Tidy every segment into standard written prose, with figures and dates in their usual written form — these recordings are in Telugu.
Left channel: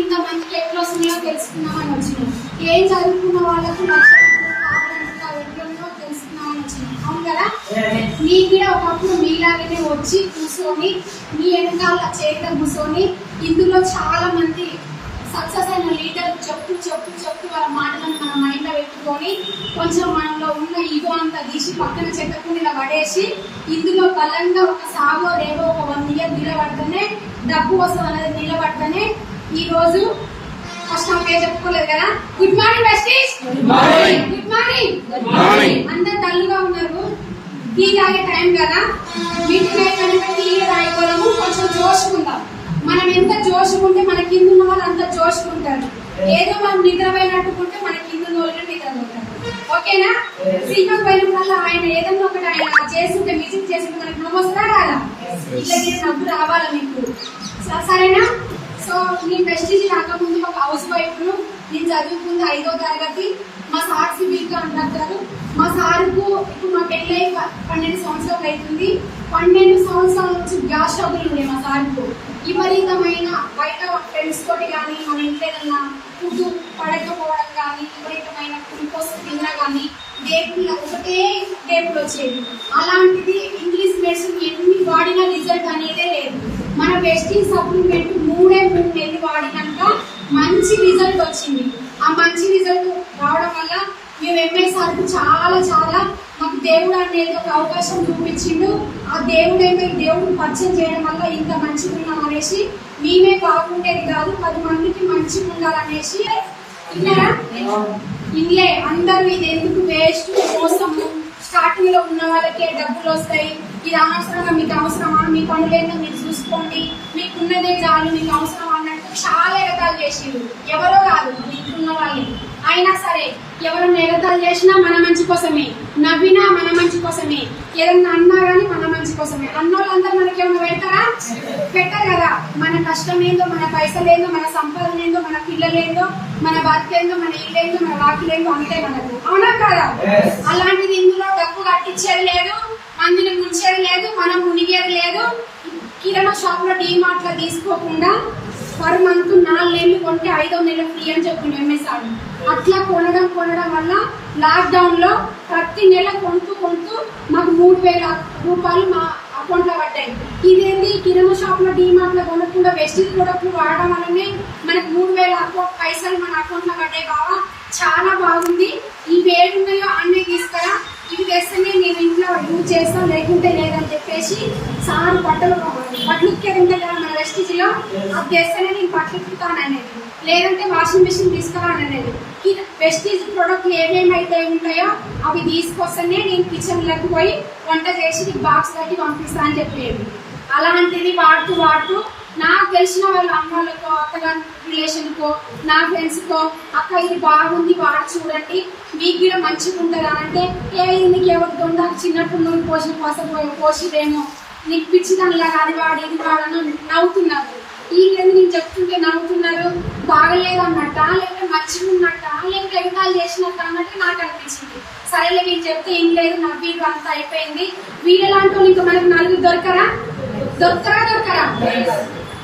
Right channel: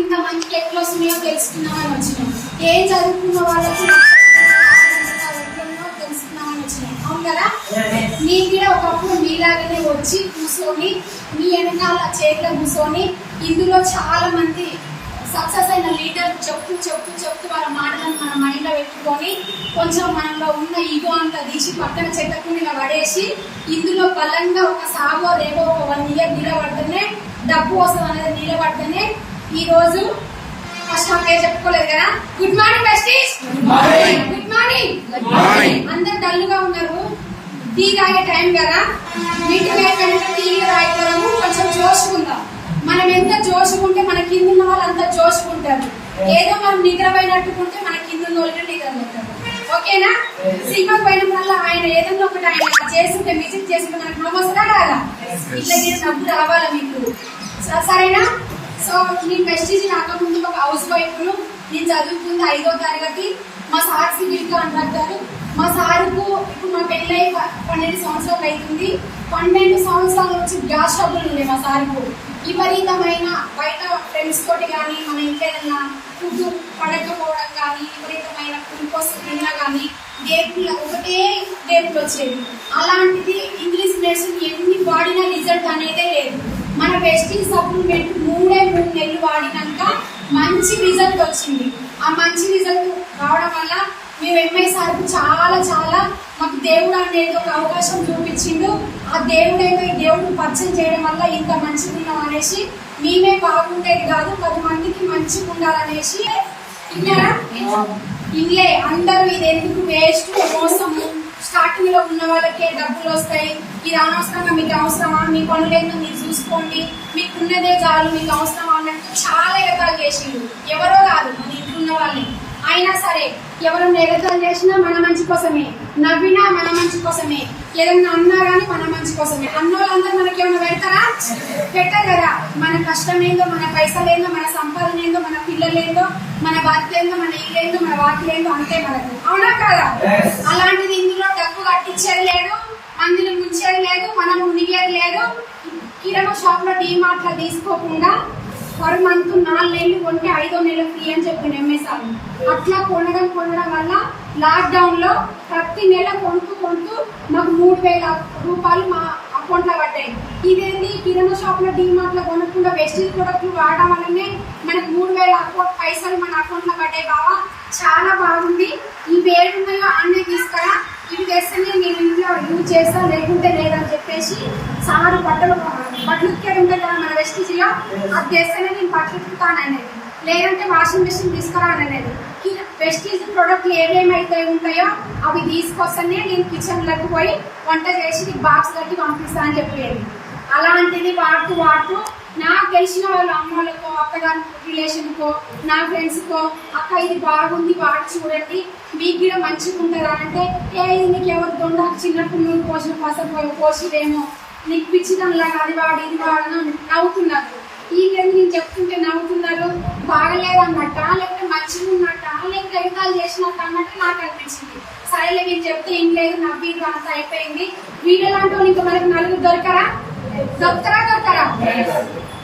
ఇంత మందికి ఎట్లా వస్తున్నాయో తెలుసుకుందామని వచ్చినాం. ఏం చదువుకున్న వాళ్ళకి తెలుసుకుందామని వచ్చినాం. అవును కదా? నీకు కూడా ఒకప్పుడు మీలాగనే వచ్చి కూర్చొని మీ వెనకాల చేతిలో కూర్చొని ఇందులో చాలా మంది సక్సెస్ అయిన లీడర్ చెప్తూ వాళ్ళ మాటలను మన మైండ్ లో పెట్టుకొని కొంచెం మనలో ఉన్న ఈగో అంతా తీసి పక్కన చెట్టకుండా ఇలా పడేసి ఇందులో బలంగా ఒక సాగో రేగో ఒక 1 year నిలబడితేనే డబ్బు వస్తుంది అనేది నిలబడితేనే ఈ రోజు ఫస్ట్ హాఫ్ చెప్పుకోలేదు కదా. Good morning besties. Good morning. అందరు డల్లుగా ఉన్నారు. టీ తాగే టైం కదా. మీటింగ్ అయిపోయినాక టీ తాగిపోదాము, కొంచెం జోషుకుందాం. మనం ఎంత జోషుకుంటే మన కింద ఉన్న వాళ్ళు అంత జోషుకుంటారు. ఏదో మనం నిద్రపోయినట్టుకుంటే మన కింద ఉన్న వాళ్ళు నిద్రపోతారు. ఓకేనా? సినిమా పోయిన వల్ల ఆయన ఏదన్నా ఒకటి ఆయన చేస్తుంటే విజిట్ చేస్తుంటే మనకు నమ్మొస్తుందా కాదా? ఇట్లా డబ్బు రావాలి మీకు. సరేనా? సో నేను ప్రెస్టీజ్ రాకముందు ఒక హౌస్ వైఫ్ ను. నేను చదువుకుంది 5వ తరగతి. మా సార్ సివిల్ కాంట్రాక్టర్. మా సార్కు ఇప్పుడు మా పెళ్ళై 12 సంవత్సరాలు అవుతుంది. 12 సంవత్సరాల నుంచి గ్యాస్ ట్రబుల్ ఉంది మా సార్కు. విపరీతమైన బయట ఫ్రెండ్స్ తోటి కానీ మన ఇంట్లో ఏదైనా ఫుడ్ పడకపోవడం కానీ విపరీతమైన గ్లూకోజ్ తిన్నా కానీ ఒకటే డేపులు వచ్చేది. అలాంటిది ఇంగ్లీష్ మెడిసిన్ ఎన్ని వాడినా రిజల్ట్ అనేదే లేదు. మన వెస్టింగ్ సప్లిమెంట్ 3 నెలలు వాడినాక మంచి రిజల్ట్ వచ్చింది. ఆ మంచి రిజల్ట్ రావడం వల్ల మేము ఎంఐ సార్కు చాలా మాకు దేవుడు అనేది ఒక అవకాశం చూపించిండు. ఆ దేవుడు పరిచయం చేయడం వల్ల ఇంత మంచిగా ఉన్నాం అనేసి మేమే బాగుండేది కాదు 10 మందికి మంచిగా ఉండాలనేసి ఇల్లే అందరూ ఇది ఎందుకు వేస్ట్ మోసము. స్టార్టింగ్ లో ఉన్న వాళ్ళకే డబ్బులు వస్తాయి, ఇది అనవసరంగా మీకు అవసరమా, మీ పనులేందో మీరు చూసుకోండి, మీకు ఉన్నదే చాలు, మీకు అవసరమా అన్నట్టు చాలా ఎగతాలు చేసిండు. ఎవరో కాదు మన ఇంట్లో ఉన్న వాళ్ళని. అయినా సరే ఎవరు ఎగతాలు చేసినా మన మంచి కోసమే, నవ్వినా మన మంచి కోసమే, ఏదన్నా అన్నా గానీ మన మంచి కోసమే. అన్నోళ్ళందరూ మనకి ఏమైనా పెడతారా? పెట్టరు కదా. మన కష్టం ఏందో, మన పైసలు ఏందో, మన సంపాదన ఏందో, మన పిల్లలేందో, మన భర్త ఏందో, మన ఇల్లేందో, మన వాకిలేందో అంతే మనకు. అవునా కదా? అలాంటిది ఇందులో డబ్బు కట్టించేది లేదు, మందులు ముంచేది లేదు, మనం మునిగేది లేదు. కిరాణా షాప్ లో డీమార్ట్ లో తీసుకోకుండా పర్ మంత్ 4 నెలలు కొంటే 5వ నెల ఫ్రీ అని చెప్పింది ఎంఎస్ఆర్. అట్లా కొనడం వల్ల లాక్డౌన్ లో ప్రతి నెల కొంటూ మాకు 3,000 రూపాయలు మా అకౌంట్ లో పడ్డాయి. ఇదేంటి కిరాణా షాప్ లో డీమార్ట్ లో కొనకుండా వెస్టేజ్ ప్రొడక్ట్లు వాడడం వల్లనే మనకు 3,000 పైసలు మన అకౌంట్ లో పడ్డాయి. బాబా చాలా బాగుంది. ఈ 7 అన్నీ తీసుకురా, ఇవి తెస్తేనే నేను ఇంట్లో యూజ్ చేస్తాను, లేకుంటే లేదని చెప్పేసి సారు బట్టలు ఉక్కేది ఉంటే కదా మన వెస్టేజ్ లో, అది తెస్తేనే నేను బట్టలు ఉక్కుతాననేది, లేదంటే వాషింగ్ మెషిన్ తీసుకురాననేది. వెస్టేజ్ ప్రొడక్ట్లు ఏమేమైతే ఉంటాయో అవి తీసుకొస్తేనే నేను కిచెన్ లోకి పోయి వంట చేసి బాక్స్ కట్టి పంపిస్తా అని చెప్పేది. అలాంటిది వాడుతూ నాకు తెలిసిన వాళ్ళు అమ్మోళ్ళకో అక్కగారి రిలేషన్కో నా ఫ్రెండ్స్కో అక్క ఇది బాగుంది వాడు చూడండి మీకు కూడా మంచిగా ఉంటుందా అంటే ఇది నీకు ఎవరు దొండకు చిన్నప్పుడు నువ్వు పోసిన పోసిదేమో నీకు పిచ్చిదానిలాగా అది వాడు ఇది వాడను నవ్వుతున్నారు. వీళ్ళేది నేను చెప్తుంటే నవ్వుతున్నారు, బాగలేదు అన్నట్ట, లేకపోతే మంచిగా ఉన్నట్ట, లేకపోతే ఎగతాలు చేసినట్ట అన్నట్టు నాకు అనిపించింది. సరేలే నేను చెప్తే ఏం లేదు, నవ్వి అంతా అయిపోయింది. వీళ్ళలాంటి వాళ్ళు ఇంకా మనకు నలుగురు దొరకరా?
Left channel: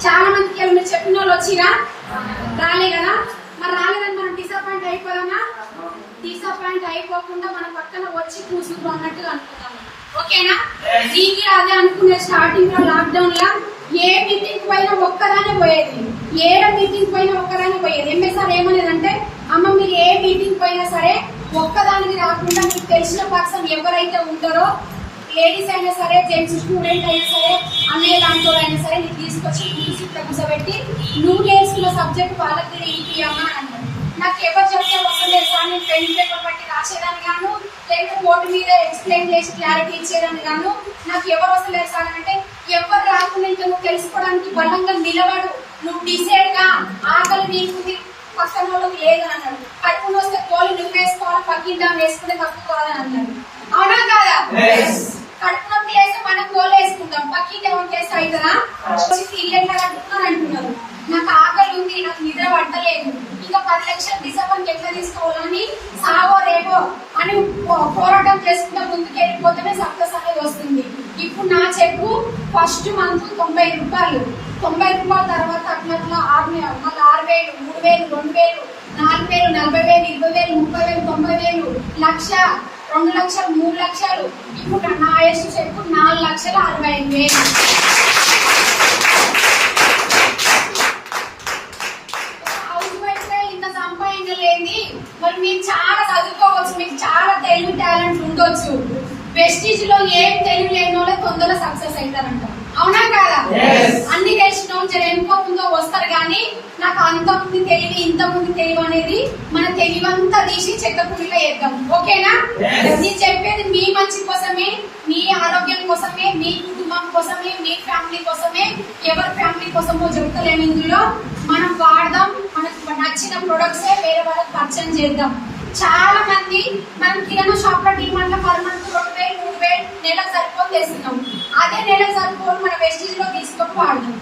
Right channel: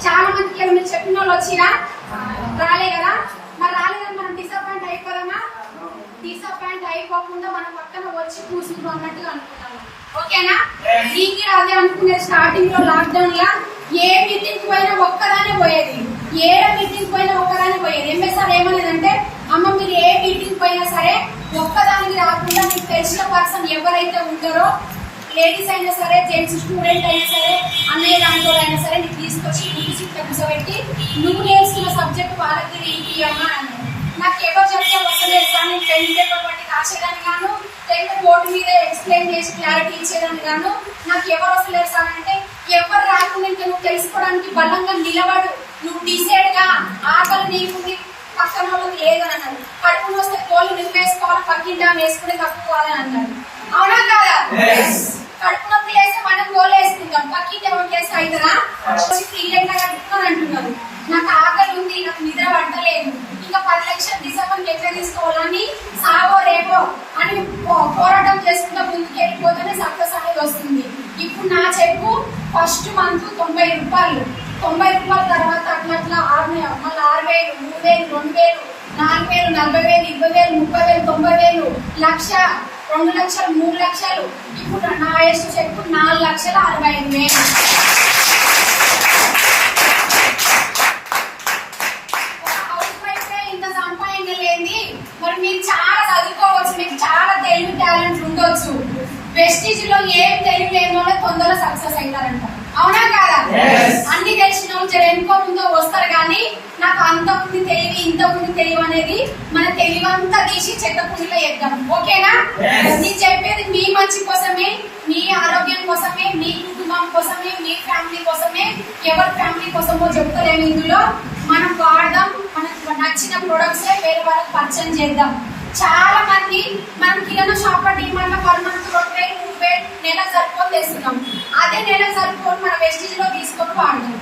చాలా మందికి ఏమైనా చెప్పిన వాళ్ళు వచ్చిరా? రాలే కదా. మరి రాలేదని మనం డిసప్పాయింట్ అయిపోదామా? డిసప్పాయింట్ అయిపోకుండా మన పక్కన వచ్చి కూర్చుంటాం అన్నట్టుగా అనుకున్నాము. ఓకేనా? నీకు అదే అనుకునే స్టార్టింగ్ లో లాక్డౌన్ లా ఏ మీటింగ్ పోయినా ఒక్కదానే పోయేది, మీటింగ్ పోయినా ఒక్కదానే పోయేది. ఎంఎస్ఆర్ ఏమనేదంటే అమ్మ మీరు ఏ మీటింగ్ పోయినా సరే ఒక్కదానికి రాకుండా మీకు తెలిసిన పర్సన్ ఎవరైతే ఉంటారో, లేడీస్ అయినా సరే, జెంట్స్ స్టూడెంట్ అయినా సరే, అన్నయ్య దాంట్లో అయినా సరే నీకు తీసుకొచ్చి కూర్చోబెట్టి నువ్వు నేర్చుకున్న సబ్జెక్ట్ వాళ్ళకి ఏంటి అమ్మా అని. నాకు ఎవరు చెప్తే వస్తలేదు సార్, నేను పెన్ పేపర్ బట్టి రాసేదాన్ని గాను, లేకపోతే బోర్డు మీద ఎక్స్ప్లెయిన్ చేసి క్లారిటీ ఇచ్చేదాన్ని గాను. నాకు ఎవరు వస్తలేదు సార్ అంటే ఎవరు రాకుండా నువ్వు తెలుసుకోవడానికి బలంగా నిలబడు, నువ్వు డిసైడ్ గా, ఆకలి నీకుంది పక్కన వాళ్ళకి లేదని అన్నాడు. కడుపు వస్తే తోలు నువ్వు వేసుకోవాలి, పక్కింటా వేసుకునే తప్పుకోవాలని అన్నాడు. అవునా కాదా? కడుపు నొప్పి లేస్తే మనం గోలు వేసుకుంటాం, పక్కింటి వంకేస్తే అవుతుందా? ఇల్లంగా కట్టుకుని అంటున్నారు. నాకు ఆకలి ఉంది, నాకు నిద్ర పట్టలేదు, ఇంకా 10 లక్షలు డిసెంబర్కి ఎట్లా తీసుకోవాలని సాగో రేపో అని పోరాటం చేసుకుంటా ముందుకు వెళ్ళిపోతేనే సక్సెస్ అనేది వస్తుంది. ఇప్పుడు నా చెప్పు ఫస్ట్ ఫస్ట్ మంత్ 90 రూపాయలు. 90 రూపాయల తర్వాత అట్లా మళ్ళీ 6,000, 3,000, 2,000, 4,000, 40,000, 20,000, 30,000, 90,000, 1,00,000, 2 లక్షలు, 3 లక్షలు. ఇప్పుడు నా హైయెస్ట్ చెక్ 4,65,000. హౌస్ వైఫ్ ఇంత సంపాదించలేంది. మరి మీరు చాలా చదువుకోవచ్చు, మీకు చాలా తెలివి టాలెంట్ ఉండొచ్చు. వెస్టీజ్ లో ఏం తెలివి లేని వాళ్ళే తొందరగా సక్సెస్ అవుతారంట. అవునా కాదా? అన్ని తెలిసిన వాళ్ళు ఎంతో ముందో వస్తారు, కానీ నాకు అంత ఉంది తెలివి, ఇంత ఉంది తెలివి అనేది మన తెలివంతా తీసి చెక్కకుండా చేద్దాం. ఓకేనా? నేను చెప్పేది మీ మంచి కోసమే, మీ ఆరోగ్యం కోసమే, మీ కుటుంబం కోసమే, మీ ఫ్యామిలీ కోసమే. ఎవరి ఫ్యామిలీ కోసమో చెప్తలేము. ఇందులో మనం వాడదాం, మనకు నచ్చిన ప్రొడక్ట్స్ వేరే వాళ్ళకి పరిచయం చేద్దాం. చాలా మంది మనం కిరాణా షాప్ లో డిమాండ్ లో పర్ మంత్ 2,000, 3,000 నెలకు సరిపోని తెస్తున్నాం. అదే నెలకు సరిపోని మన వెస్టీజ్ లో తీసుకొని వాడదాం.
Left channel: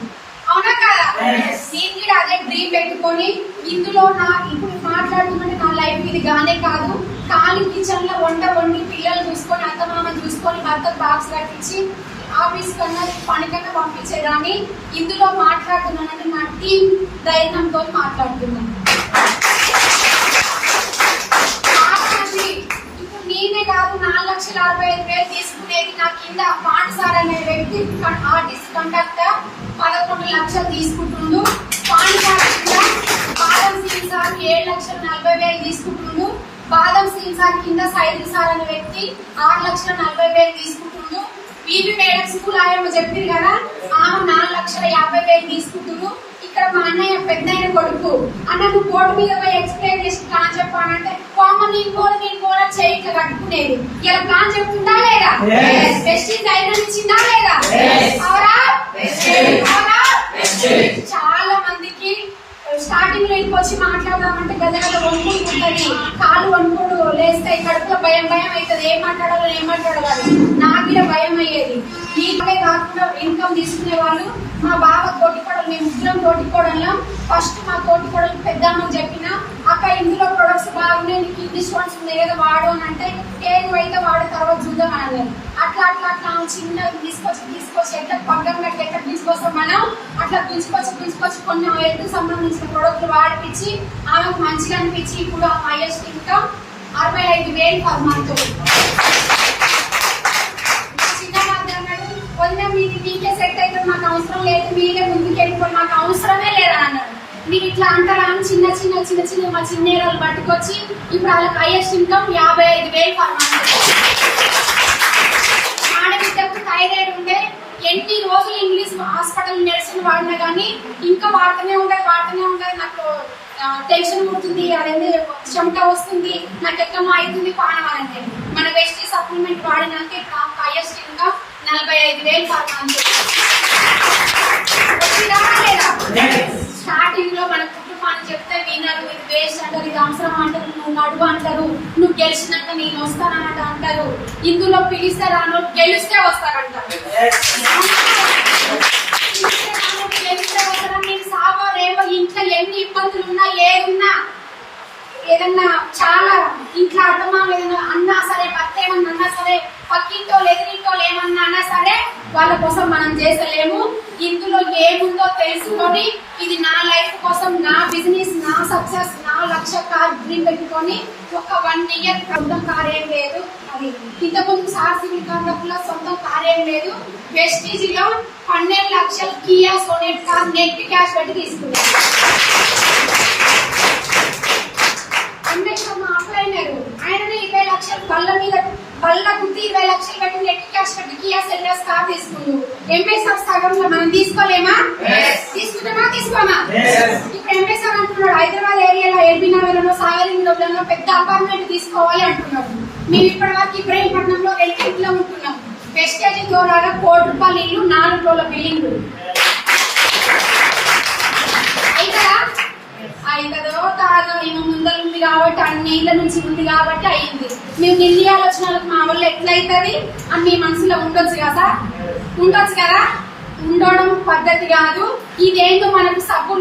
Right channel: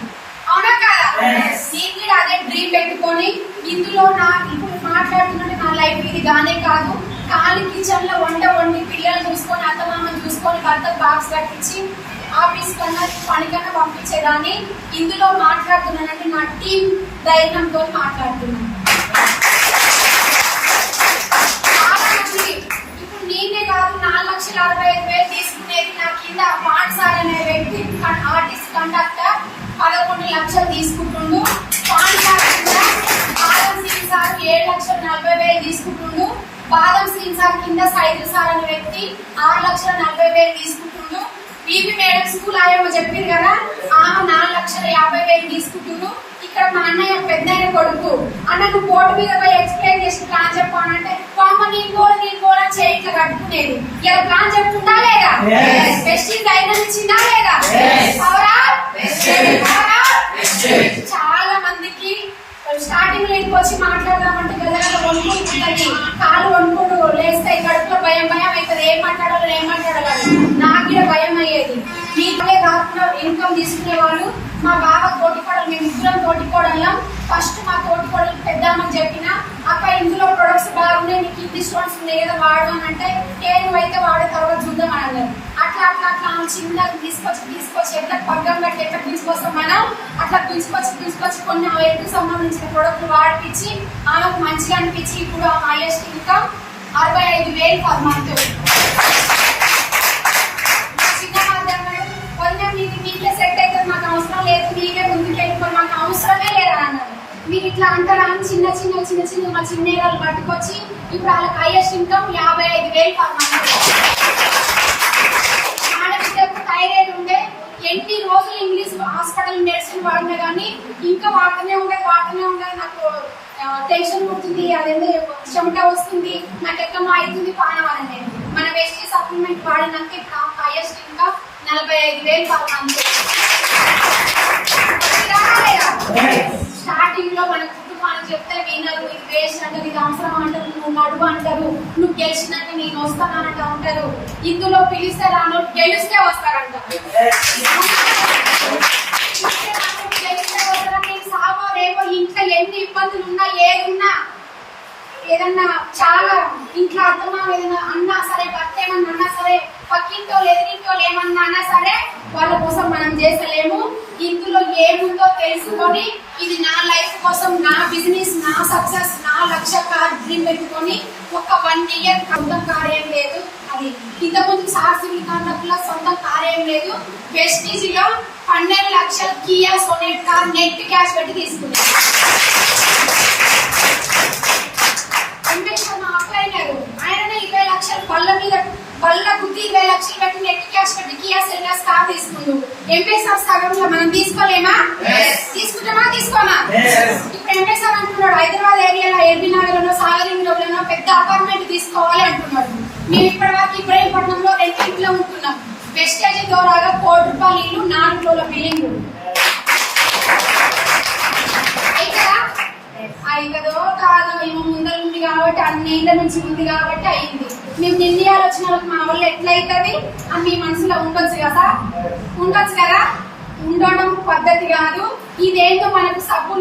అవునా కదా? నేను కూడా అదే డ్రీమ్ పెట్టుకొని ఇందులో ఇప్పుడు మాట్లాడుతుంటే నా లైఫ్ ఇది గానే కాదు. ఖాళీ కిచెన్ లో వండి పిల్లలు చూసుకొని, అత్తమామ చూసుకొని, భర్త బాక్స్ కట్టించి ఆఫీస్ కన్నా పనికన్నా పంపించేదాన్ని. ఇందులో మాట్లాడుతున్నానంటే నా టీం ధైర్యంతో మాట్లాడుతున్నాను. ఇప్పుడు నేనే కాదు 4,65,000 తీసుకునేది. నా కింద పాండ్ సార్ అనే వ్యక్తి ఆర్టిస్ట్ కండక్టర్ 11 లక్షలు తీసుకుంటుండు. పాండ్ సార్ కింద బాదం సింగ్ సార్ 7,40,000 తీసుకుంటుండు. బాదం సింగ్ సార్ కింద సైదుల్ సార్ అనే వ్యక్తి 6,40,000 తీసుకుంటుండు. బీబీ మేడం స్కూల్ ఆయమ్మ చెప్పింది కదా, ఆమె 4,50,000 తీసుకుంటుండు. ఇక్కడ మా అన్నయ్య పెద్దయ్య కొడుకు, అన్న నువ్వు బోర్డు మీద పోయి ఎక్స్ప్లెయిన్ చేసి ప్లాన్ చెప్పానంటే నీ గోడ చేయి ఇట్లా కట్టుకునేది. ఇలా ప్లాన్ చెప్తుందా లేదా? వెస్టీజ్ ధైర్యం ఇచ్చిందా లేదా? చాలా మందికి స్టార్టింగ్ లోకి వచ్చి మాట్లాడదామంటే గదగద వణుకుంటుంది, కాళ్ళు వణుకుడు లేస్తాయి, కడుపులో భయం అవుతుంది. ఏం మాట్లాడాలో నాకు భయం అయ్యేది. మీకే కాకుండా ఇన్కమ్ తీసుకునే వాళ్ళు మా బాబా తోటికోడలు, మేము ముగ్గురం తోటికోడలం. ఫస్ట్ మా తోటికోడలు పెద్దమ్మకి చెప్పిన, అక్క ఇందులో ప్రొడక్ట్స్ బాగున్నాయి, నీకు ఇన్ని స్టోన్స్ ఉన్నాయి కదా వాడు అని అంటే, ఏనువైతే వాడే తర్వాత చూద్దాం అని అట్లా చిన్నగా తీసుకొచ్చి ఎట్లా పగ్గం పెట్టి ఎట్లా తీసుకొస్తాం మనం, అట్లా పిలుచుకొచ్చి కొన్ని హెల్త్ సంబంధించిన ప్రొడక్ట్లు వాడిపించి ఆమెకు మంచిగా అనిపించి ఇప్పుడు ఆ హైయెస్ట్ ఇన్కమ్ 65,000 పర్ మంత్. మీకే సెట్ అయితే మాకు అవసరం లేదు, మీరే ముందుకు వెళ్ళిపోయి మాకు అవసరమే లేదా అన్నాడు. మీరు ఇట్లా అంటారా అని చిన్న మా చిన్నేరాలు పట్టుకొచ్చి ఇప్పుడు వాళ్ళకి హైయెస్ట్ ఇన్కమ్ 55,000 పర్ మంత్. ఆడబిడ్డకు థైరాయిడ్ ఉండే ఎన్ని రోజులు ఇంగ్లీష్ హాస్పిటల్ మెడిసిన్ వాడినా కానీ ఇంకా వాడుతూనే ఉండేది. నాకు టెన్షన్ పుడుతుంది, అదేంటి చెమట వస్తుంది, నాకు ఎక్కడో అవుతుంది పానం అనేది. మన వెస్టీజ్ సప్లిమెంట్ వాడినాక ఇప్పుడు highest income 45,000 per month. Starting లో మన కుటుంబానికి చెప్తే వినరు, ఇది వేస్ట్ అంటారు, ఇది అవసరం అంటారు, నువ్వు నడువు అంటారు, నువ్వు గెలిచినాక నేను వస్తానంట అంటారు. ఇందులో పిలిస్తే రాను, గెలిస్తే వస్తారంటారు. నేను సావో రేవో ఇంట్లో ఎన్ని ఇబ్బందులు ఉన్నా ఏదున్నా ఏదన్నా చాలా ఇంట్లో అర్థమా ఏదన్నా అన్నా సరే, భర్త ఏమన్నా అన్నా సరే, పక్కింటో ఎదిరింటో ఏమన్నా అన్నా సరే వాళ్ళ కోసం మనం చేసలేము. ఇందులో ఏముందో తెలుసుకొని ఇది నా లైఫ్ కోసం, నా బిజినెస్, నా సక్సెస్, నా లక్ష్య డ్రీమ్ పెట్టుకొని ఒక 1 year సొంతం కార్యం లేదు. అది ఇంతకుముందు సార్సివిల్ కార్ల సొంతం కార్యం లేదు. వెస్టీజ్ లో 12 లక్షలు Kia Sonet car net cash పెట్టి తీసుకున్నారు. అప్లైనర్ ఆయననే 20 లక్షలు బల్ల గుద్ది 20 లక్షలు పెట్టి నెట్ క్యాష్ పెట్టి కియా సెల్టర్స్ కార్ తీసుకుండు. ఎంపీఎస్ఆర్ సగంలో మనం తీసుకోలేమా? తీసుకుంటామా? తీసుకోమా? ఇప్పుడు ఎంపీఎస్ఆర్ అంటున్నాడు హైదరాబాద్ ఏరియాలో ఎల్బీ నగర్ లో సాగరింగ్ లో పెద్ద అపార్ట్మెంట్ తీసుకోవాలి అంటున్నాడు. మేము ఇప్పటి వరకు ఇబ్రాహీంపట్నంలో 2 ఇంట్లో ఉంటున్నాం. వెస్టేజ్ ద్వారా 1 కోటి రూపాయలు ఇల్లు, 4 ఫ్లోర్ల బిల్డింగ్. అయితదో కాదు, మేము ముందర ఉంది కాబట్టి, అన్ని ఇళ్ళ నుంచి ఉంది కాబట్టి అయింది. మేము నిర్ణయాలు వచ్చిన వాళ్ళకి మా వల్ల ఎట్లయితుంది అని మీ మనసులో ఉండొచ్చు కదా. ఉండడం పద్ధతి కాదు. ఇదేంటో మనకు సబ్బు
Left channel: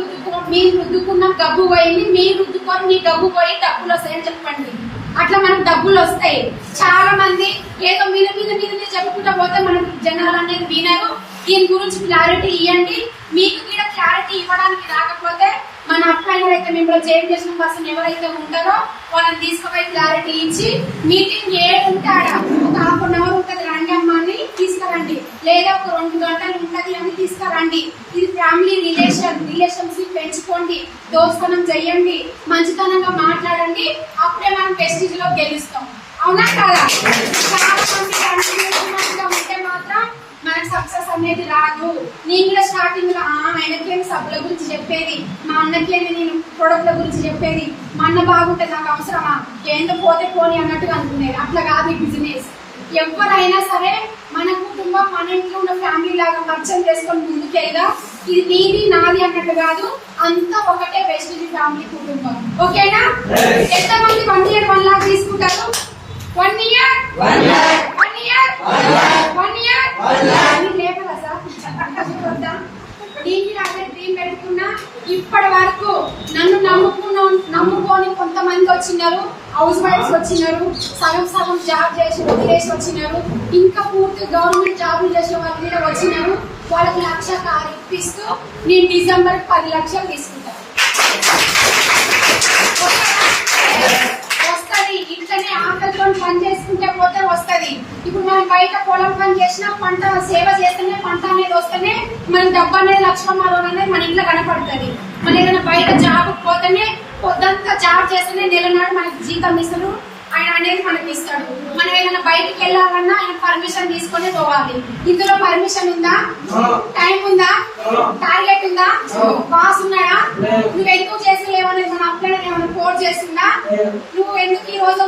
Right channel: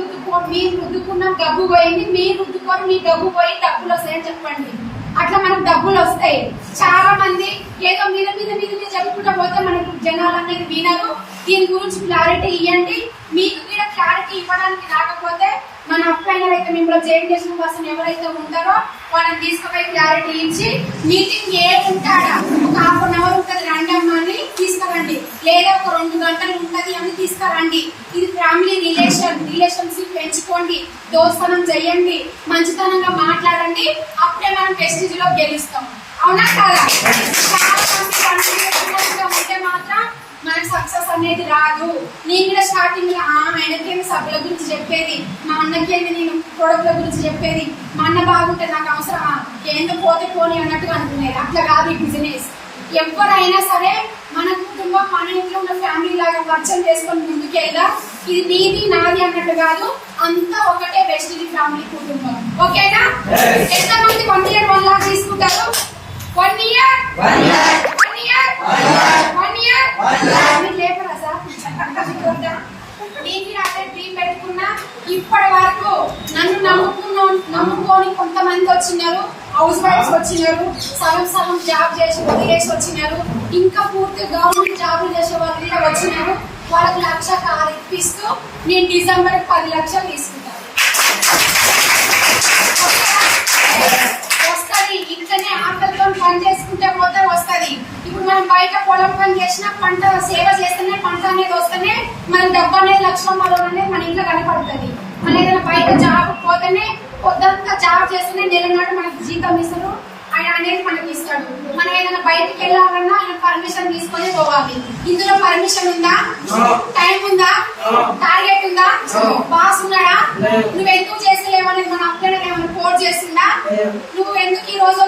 మీరు రుద్దుకున్న డబ్బు పోయింది, మీరు రుద్దుకొని మీ డబ్బు పోయి డబ్బులు వస్తాయని చెప్పండి. అట్లా మనకు డబ్బులు వస్తాయి. చాలా మంది ఏదో మీద చెప్పుకుంటా పోతే మనకు జనాలు అనేది వినరు. దీని గురించి క్లారిటీ ఇవ్వండి. మీకు కూడా క్లారిటీ ఇవ్వడానికి రాకపోతే మన అబ్బాయిలు అయితే మిమ్మల్ని జాయిన్ చేసిన పర్సన్ ఎవరైతే ఉంటారో వాళ్ళని తీసుకుపోయి క్లారిటీ ఇచ్చి మీటింగ్ ఉంటాడా ఒక ½ అవర్ ఉంటుంది రండి అమ్మని తీసుకురండి, లేదా ఒక 2 గంటలు ఉంటది అని తీసుకురండి. ఇది ఫ్యామిలీ రిలేషన్షిప్ పెంచుకోండి, దోస్తనం చెయ్యండి, మంచితనంగా మాట్లాడండి. అప్పుడే మనం ప్రెస్టీజ్ లో గెలుస్తాం. అవునా కాదా? ఉంటే మాత్రం మనకు సక్సెస్ అనేది రాదు. నేను కూడా స్టార్టింగ్ లో ఆయనకేమి సభ్యుల గురించి చెప్పేది, మా అన్నకేమి నేను ప్రొడక్ట్ల గురించి చెప్పేది, మా అన్న బాగుంటుంది నాకు అవసరమా, ఏందో పోతే పోని అన్నట్టుగా అనుకునేది. అట్లా కాదు ఈ బిజినెస్. ఎవరైనా సరే మన కుటుంబం మన ఇంట్లో ఉన్న ఫ్యామిలీ లాగా పరిచయం చేసుకొని ముందుకెళ్ళా. ఇది నీది నాది అన్నట్టు కాదు, అంతా ఒకటే వెస్టిజ్ ఫ్యామిలీ కుటుంబం. ఓకేనా? ఎంతమంది 1 year 1 lakh తీసుకుంటారు? 1 year లేకరా సార్ నేను అదే డ్రీమ్ పెట్టుకున్నా. ఇప్పటి వరకు నన్ను నమ్ముకొని కొంతమంది వచ్చినారు, హౌస్ వైఫ్స్ వచ్చినారు, సగం జాబ్ చేసి వదిలేసి వచ్చినారు, ఇంకా పూర్తి గవర్నమెంట్ జాబులు చేసే వాళ్ళు కూడా వచ్చినారు. వాళ్ళకి 1 లక్ష కారు ఇప్పిస్తూ నేను డిసెంబర్ 10 లక్షలు తీసుకుంటాను. వస్తుంది ఇంట్లోనే ఆటలతో పని చేసుకుంటే పోతే వస్తుంది. ఇప్పుడు మనం బయట పొలం పని చేసినా పంట సేవ చేస్తేనే పంట అనేది వస్తేనే మన డబ్బు అనేది లక్షణంలో అనేది మన ఇంట్లో కనపడుతుంది. మన ఏదైనా బయట జాబ్ పోతేనే పొద్దంతా జాబ్ చేస్తేనే నెలనాడు మనకి జీతం ఇస్తారు, ఆయన అనేది మనకి ఇస్తాడు. మనం ఏదైనా బయటకు వెళ్ళాలన్నా ఆయన పర్మిషన్ తీసుకొని పోవాలి. ఇందులో పర్మిషన్ ఉందా? టైం ఉందా? టార్గెట్ ఉందా? బాస్ ఉన్నాడా? నువ్వు ఎందుకు చేసలేవనేది మన అప్లైన్ ఏమైనా కోడ్ చేస్తుందా? నువ్వు ఎందుకు ఈ రోజు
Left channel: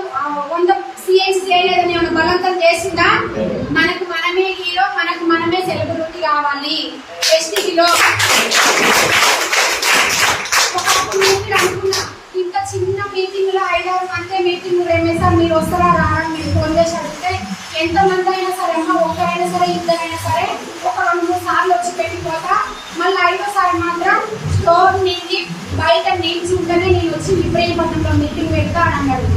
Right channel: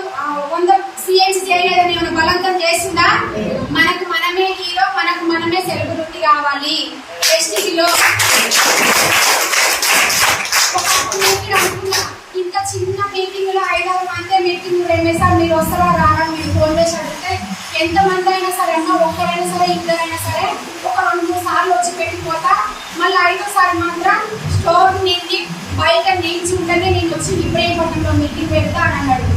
100 CNC చేయలేదని ఏమైనా బలవంతం చేస్తుందా? మనకు మనమే హీరో, మనకు మనమే సెలబ్రిటీ కావాలి. ఎస్టీలో అనుకున్నా ఇంకా చిన్న మీటింగ్ లో 5-6 మంది మీటింగ్ సార్ మీరు వస్తారా రావడం మీరు ఫోన్ చేసి అడిగితే ఎంతమంది అయినా సరే అమ్మ ఒక్కరైనా సరే ఇద్దరైనా సరే ఒక 2-3 సార్లు వచ్చి పెట్టిపోతా. మళ్ళీ 5వ సారి మాత్రం స్టోర్ నిండి బయట నిలిచి ఉంటేనే నేను వచ్చి ఇబ్రహీంపట్నంలో మీటింగ్ పెడతా అని అన్నాడు.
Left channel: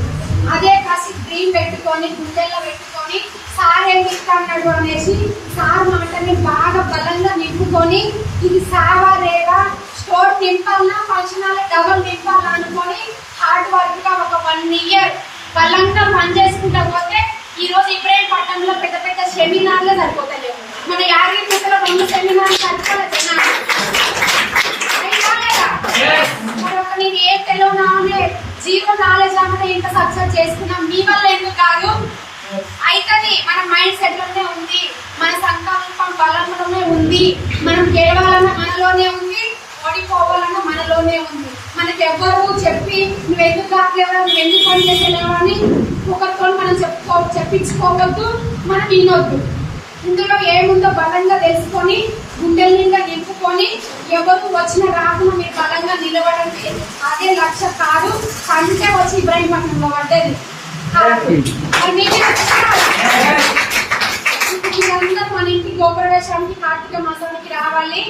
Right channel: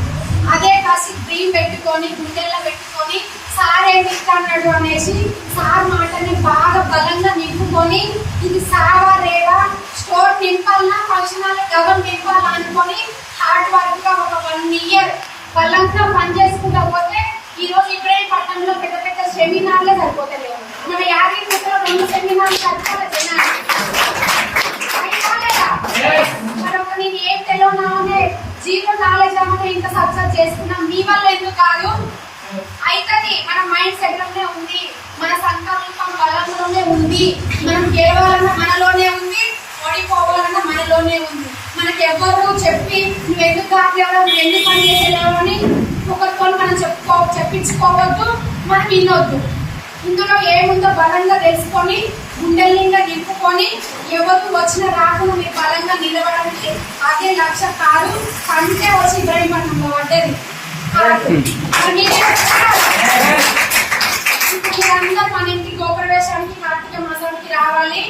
అదే కాసి డ్రీమ్ పెట్టుకొని గుండెల్లో పెట్టుకొని సార్ ఏం ఇస్తాడు అనేసి సార్ మాటని బాగా బలంగా నింపుకొని ఇది సావా రేవా స్టోర్ నింపాలన్నా ఫంక్షన్ హాల్ డబల్ నింపాలా అనుకొని హార్డ్ వర్క్ గా ఒక 1 year వాళ్ళంతా పని చేసుకుంటా పోతే ఈ రోజు ఇబ్రహీంపట్నంలో పెద్ద పెద్ద సెమినార్లే సరిపోతలేవు. మన యాదగిరిగుట్టలో 2 సెమినార్లు సరిపోలేదు. మరొక నేను ఏం తెలియనా అనే జీరో నాలెడ్జ్ అనే ఇంత సక్సెస్ చేసుకున్నాం మీ వల్ల ఎందుకు కాదు. అయితది మన మైండ్ సెట్ లోనే ఉంది, మన సంకల్పం బలంలోనే ఉంది, మనం గెలవాలన్నా మనలోనే ఉంది, ఓడిపోవాలన్నా మనలోనే ఉంది. మనకి ఎవరు చెప్పి నువ్వు ఎందుకు కావట్లేవా, నువ్వు ఎందుకు పని చేసేలేవా అని ఒకరితో మనం చెప్పించుకోవద్దు, మనం వినొద్దు. ఇందులో ఏముందో బలంగా తెలుసుకొని గుండెల నిండా నింపుకొని ఎవరికి వచ్చిన రాకుండా మీరు బలంగా నిలబడండి. అదే లక్ష్య కాదు కంటే వచ్చి ఇబ్రహీంపట్నంలో పడ్డది మీరందరూ మన ఇంటికి గోప్రవేశానికి కార్తీక మాసానికి రావాలి.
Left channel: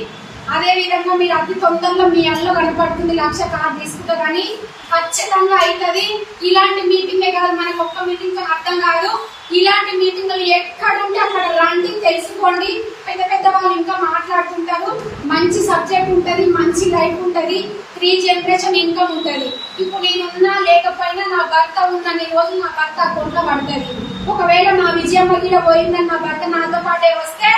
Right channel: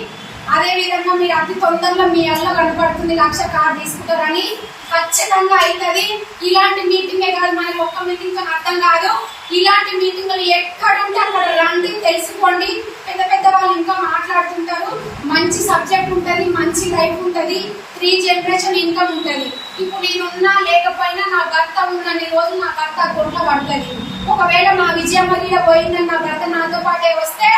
అదే విధంగా మీరు అతి తొందరలో మీ అల్లో కనపడుతుంది 1 లక్ష కార్ తీసుకుంటారని ఖచ్చితంగా అవుతుంది. ఇలాంటి మీటింగే కాదు, మనకి ఒక్క మీటింగ్ తో అర్థం కాదు. ఇలాంటి మీటింగ్లు ఎక్కడుంటే అక్కడ రండి, తెలుసుకోండి. పెద్ద పెద్ద వాళ్ళు ఇంకా మాట్లాడుతుంటారు. మంచి సబ్జెక్ట్ ఉంటది, మంచి లైఫ్ ఉంటది, 3 generation ఇన్కమ్ ఉంటది. ఇప్పుడు నేను ఉన్నా లేకపోయినా నా భర్త ఉన్నన్ని రోజులు నా భర్త అకౌంట్లో పడుతుంది. ఒకవేళ మా విజయమ్మ గిడ పోయిందని నా భర్త నాతో పాటే వస్తే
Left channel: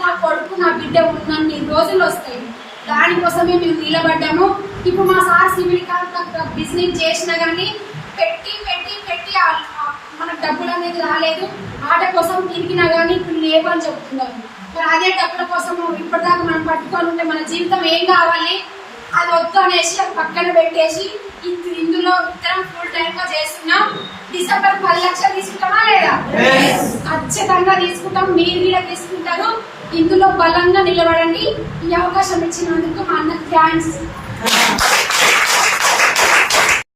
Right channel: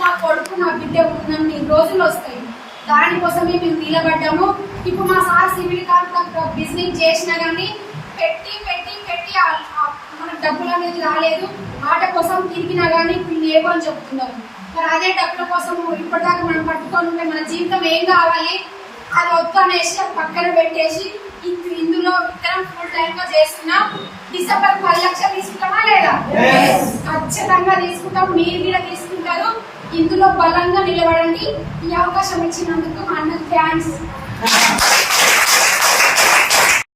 నా కొడుకు నా బిడ్డ ఉన్నన్ని రోజులు వస్తాయి. దానికోసమే మేము నిలబడ్డాము. ఇప్పుడు మా సార్ సివిల్ కాంట్రాక్ట్ బిజినెస్ చేసినా కానీ పెట్టి పెట్టి పెట్టి మనకు డబ్బులు అనేది రాలేదు. ఆట కోసం తిరిగినా కానీ ఇప్పుడు లేవు అని చెప్తున్నారు. మరి అదే డబ్బుల కోసం ఇప్పటిదాకా మనం పట్టుకొని ఉంటే మన జీవితం ఏం కావాలి, అది వద్దు అనేసి అది పక్కన పెట్టేసి ఇందులో ఇద్దరం ఫుల్ టైం గా చేస్తున్నాం. డిసెంబర్ 10 లక్షలు తీసుకుంటామా లేదా? ఖచ్చితంగా తీసుకుంటాం, మీరు కూడా తీసుకుంటారు. ఇందులో బలంగా నిలబడండి. ఈ అవకాశం ఇచ్చినందుకు మా అన్నకు థ్యాంక్స్.